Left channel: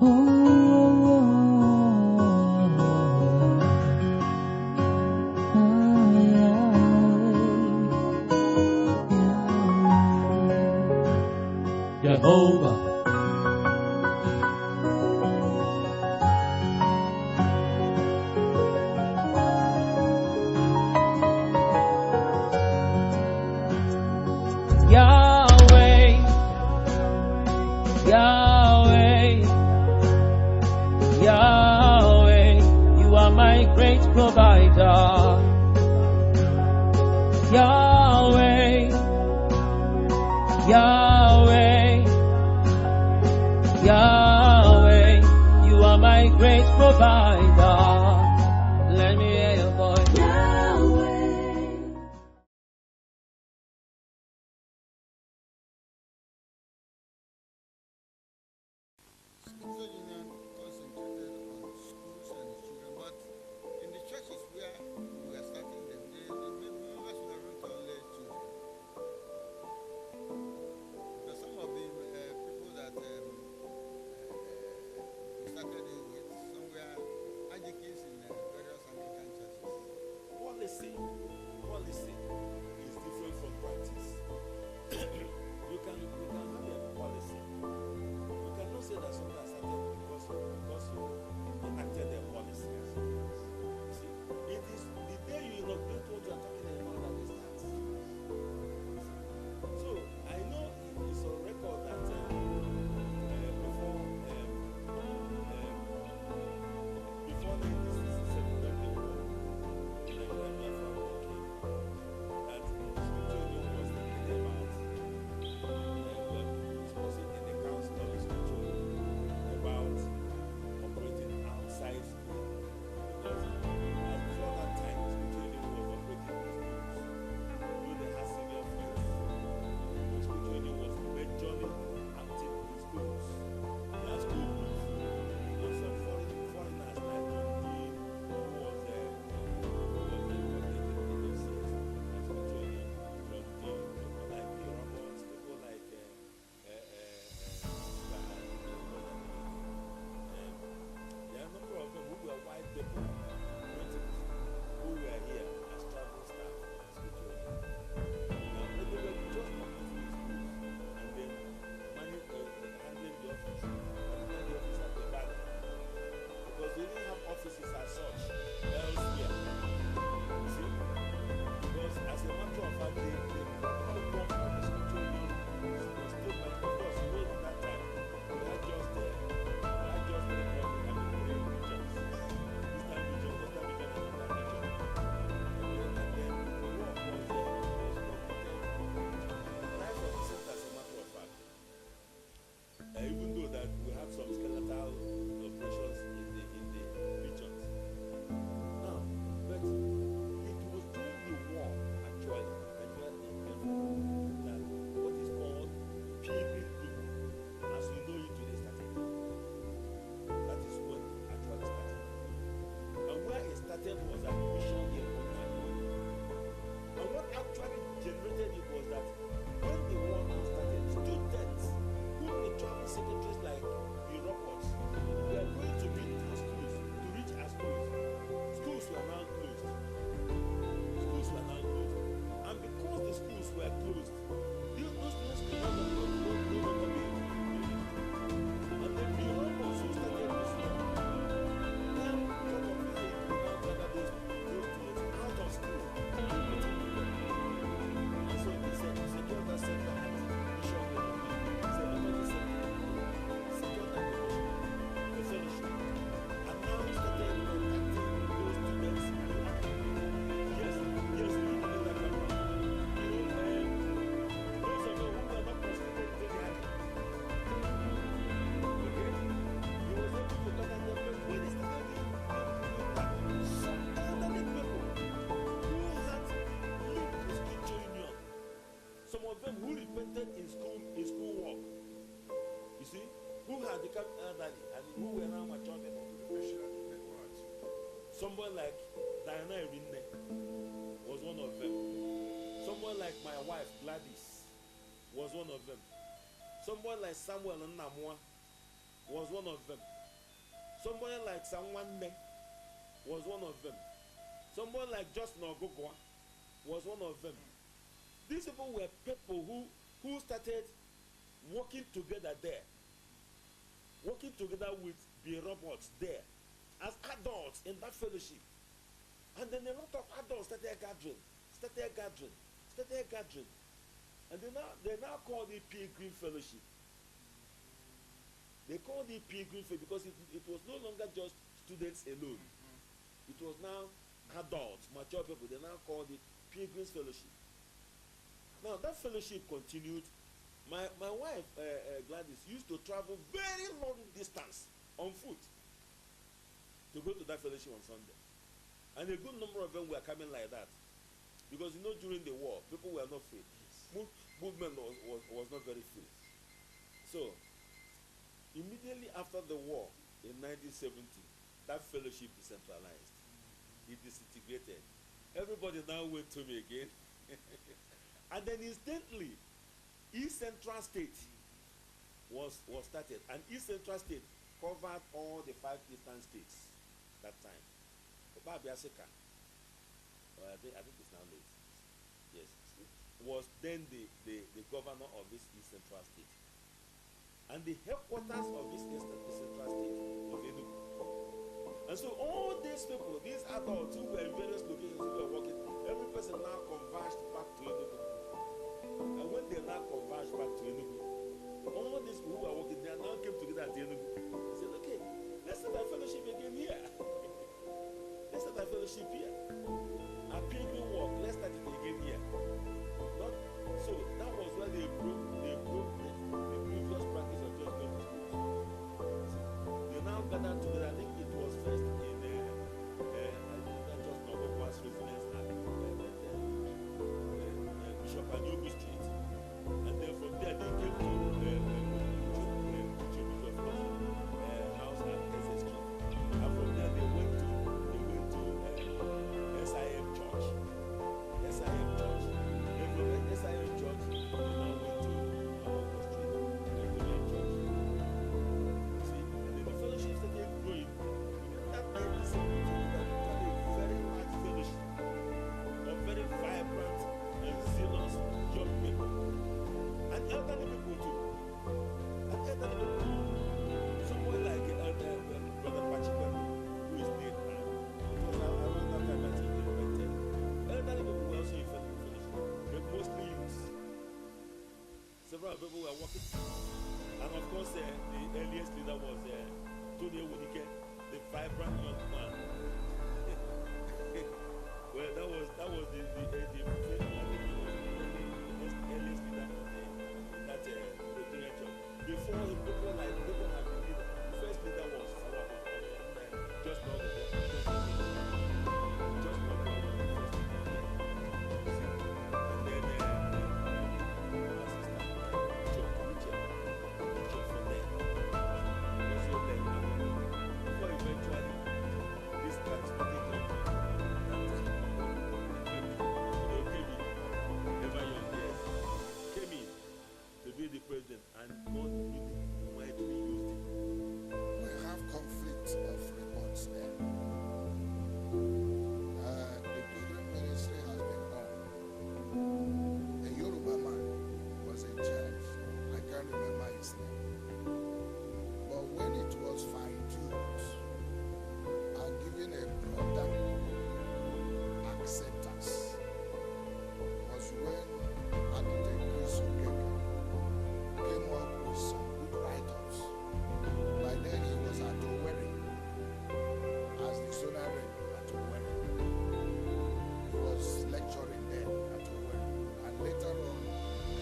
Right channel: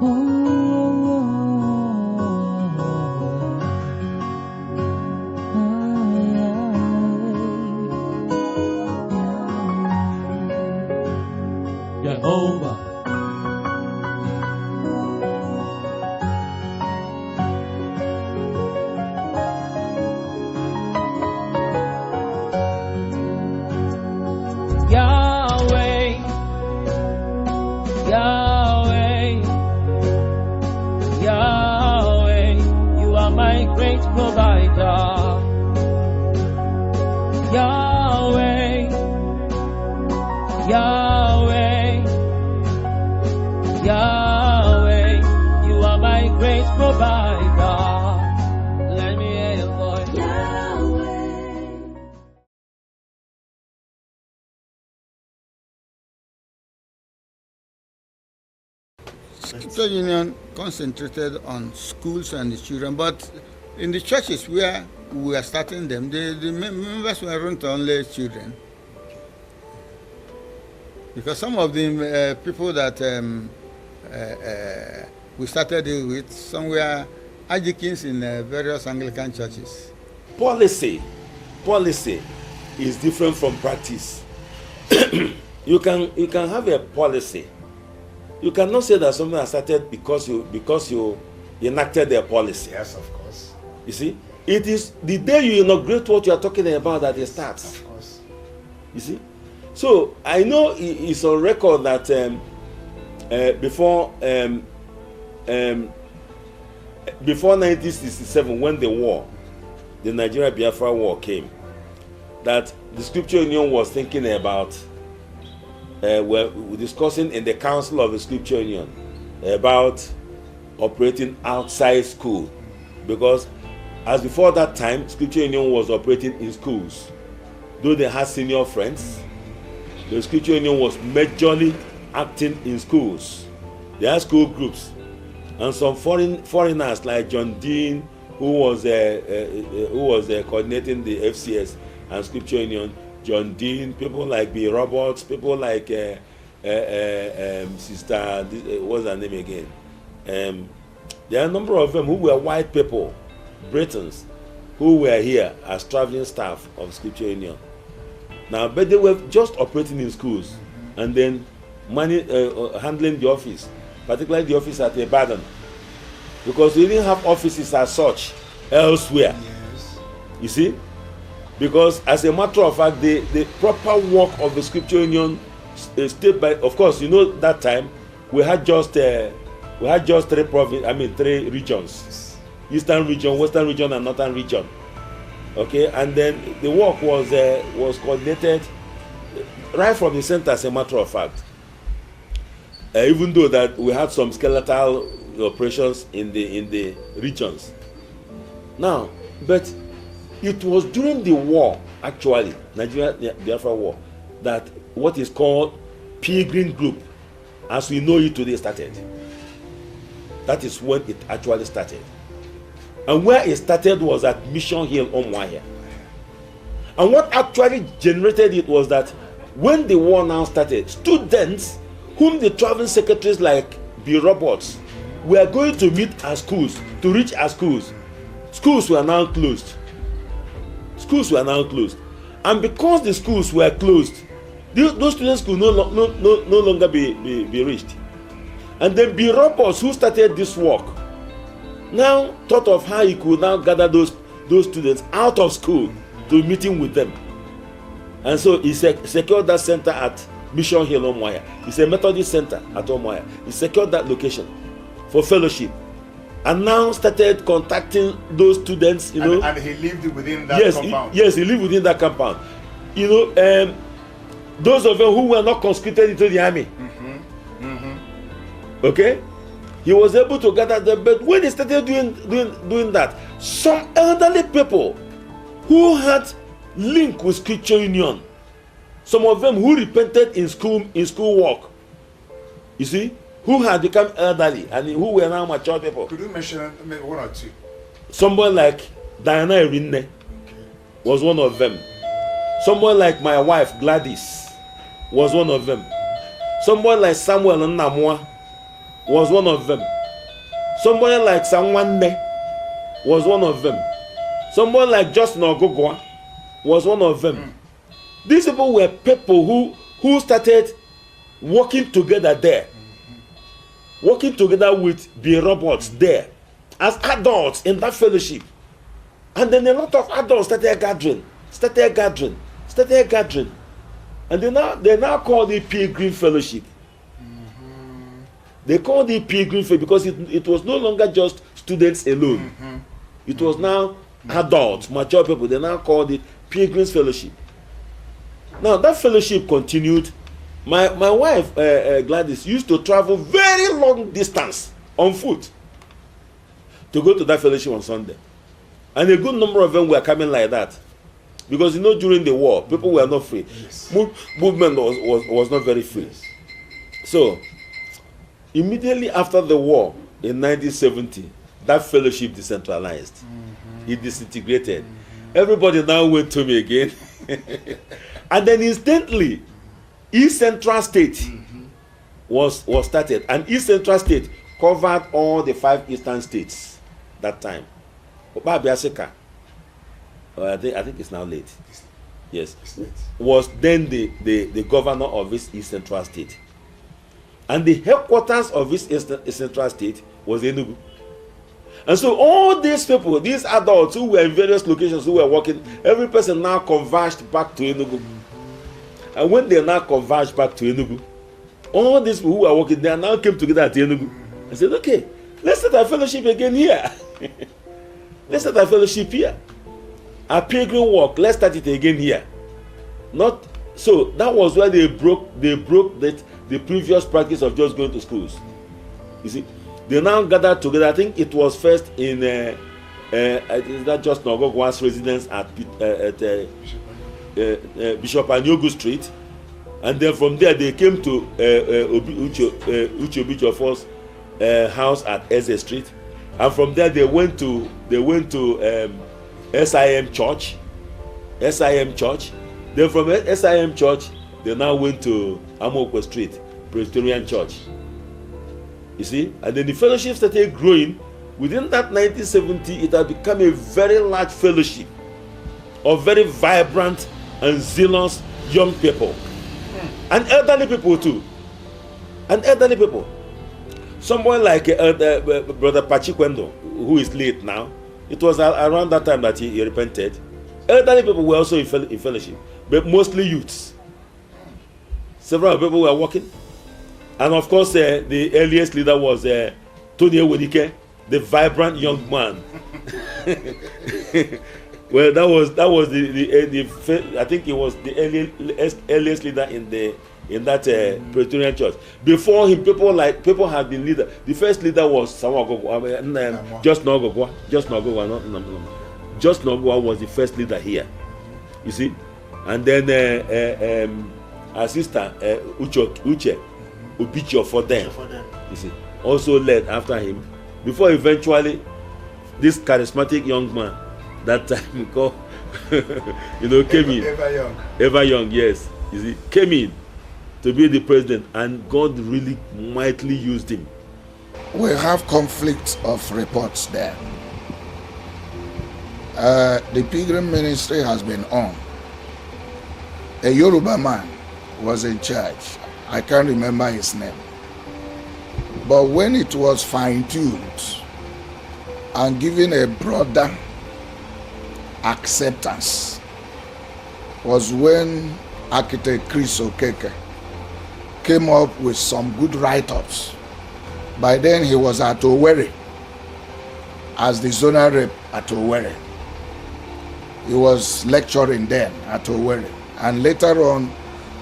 Jehovah. Yahweh, Yahweh, Yahweh, you are my great provider. Yahweh, Yahweh, Yahweh, you are my great provider. Let me hear your voice. Yahweh. Scripture Union concentrated on schools and the children, but in the churches where we are starting them, the members weren't only children. Because some of the people that we started it with, some were adjuncts in various Anglican churches. Policy is different from practice. You can have a policy. You cannot say that something has started because you enacted their policy. Yes, of course. You see, it is the day you inaugurate what you are talking about that it starts. Of course. You see, so I know it's on record that before 1967, when the Nigeria-Biafra war came, that the Scripture Union was thinking about. We're discussing in the Council of the Scripture Union about operating outside school, because as before that time, Scripture Union was operating in schools. Though they had senior friends, the Scripture Union was majorly acting in schools. They had school groups, and some foreigners like John Dean, who was coordinating the FCS and Scripture Union. John Dean, people like B. Roberts, people like Sister, what's her name again? There are a number of them who were white people, Britons, who were here as traveling staff of Scripture Union. Now, but they were just operating in schools and then handling the office, particularly the office at Ibadan, because we didn't have offices as such elsewhere. You see? Because as a matter of fact, the proper work of the Scripture Union state by, of course, you know that time we had just three regions: Eastern region, Western region, and Northern region. Okay, and then the work was coordinated right from the center. As a matter of fact, even though that we had some skeletal operations in the regions. Now, but it was during the war, actually, Nigeria-Biafra war, that what is called Pilgrim Group, as we know it today, started. That is when it actually started. And where it started was at Mission Hill, Umuahia. And what actually generated it was that when the war now started, students whom the traveling secretaries like B. Roberts were going to meet at schools, to reach at schools, schools were now closed. Schools were now closed, and because the schools were closed, those students could no longer be reached. And then B. Roberts, who started this work, now thought of how he could now gather those students out of school to meeting with them, and so he secured that center at Mission Hill, Umuahia. It's a Methodist center at Umuahia. He secured that location for fellowship. And now started contacting those students, you know. And he lived within that compound. Yes, he lived within that compound. You know, those of them who were not conscripted into the army. Okay, he was able to gather them. But when he started doing that, some elderly people who had link with Scripture Union, some of them who repented in school work, you see, who had become elderly and who were now mature people. Could you mention maybe one or two? Someone like Diana Erinne was one of them. Someone like my wife Gladys was one of them. Someone like Samuel Nnamwa was one of them. Somebody like Sanwanne was one of them. Somebody like Justin Ogogwa was one of them. These people were people who started working together there. Working together with the robots there as adults in that fellowship. And then a lot of adults started gathering. And they now call it Pilgrim Fellowship. They called it Pilgrim Fellowship because it was no longer just students alone. It was now adults, mature people. They now called it Pilgrim's Fellowship. Now that fellowship continued. My wife, Gladys, used to travel very long distance on foot to go to that fellowship on Sunday. And a good number of them were coming like that. Because, during the war, people were not free. Yes. Movement was not very free. Yes. So, immediately after the war, in 1970, that fellowship decentralized. It disintegrated. Everybody now went to me again. And then instantly, East Central State was started, and East Central State covered all the 5 eastern states that time. I think it's now late. Yes, was then the governor of this East Central State, and the headquarters of this East Central State was Enugu. And so all these people, these adults who were in various locations who were working, every person now converged back to Enugu. And when they now converged back to Enugu, all these people who are working there now came together at Enugu and said, okay, let's start our fellowship again here. Let's start our fellowship here. Our pilgrim walk, let's start it again here. Not so that was where they broke the previous practice of just going to schools. You see, they now gathered together. I think it was first in is that just Nogogwa's residence at Bishop Anyogu Street, and then from there they came to Uche Obijofor's house at Eze Street, and from there they went to SIM Church. Then from SIM Church they now went to Amokwe Street, Presbyterian Church. You see, and then the fellowship started growing. Within that 1970, it had become a very large fellowship of very vibrant and zealous young people, and elderly people too. Someone like Brother Pachikwendo, who is late now, it was around that time that he repented. Elderly people were also in fellowship, but mostly youths. Several people were working, and of course, the earliest leader was Tony Ewedike, the vibrant young man. Well, that was the I think he was the earliest leader in that Presbyterian church. Before him, people had been leader. The first leader was Just Nogogwa. Just Nogogwa was the first leader here. You see, and then our sister Uche Obicho for them. You see, also led after him. Before eventually, this charismatic young man, that time called, came in. Ever young, yes. You see, came in to be the president, and God really mightily used him. We have conflicts of reports there. The pilgrim ministry has been on. A Yoruba man was in charge. I can't remember his name. But when it was fine-tuned and given a broader acceptance was when architect Chris Okeke came up with some good write-ups. By then he was at Owerri as the zonal rep at Owerri. He was lecturing then at Owerri. And later on,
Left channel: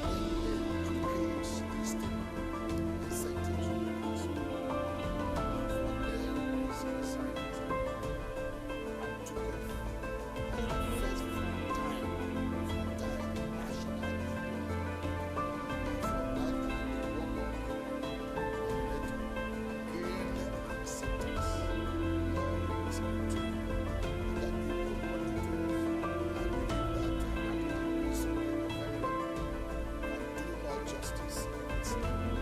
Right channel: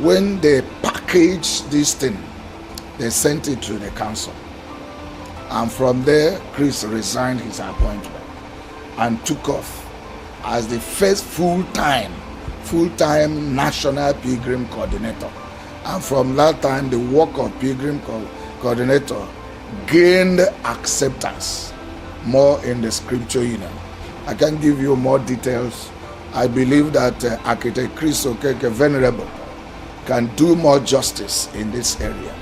when they packaged this thing, they sent it to the council. And from there, Chris resigned his appointment and took off as the first full-time national pilgrim coordinator. And from that time, the work of pilgrim coordinator gained acceptance more in the Scripture Union. I can give you more details. I believe that architect Chris Okeke, Venerable, can do more justice in this area.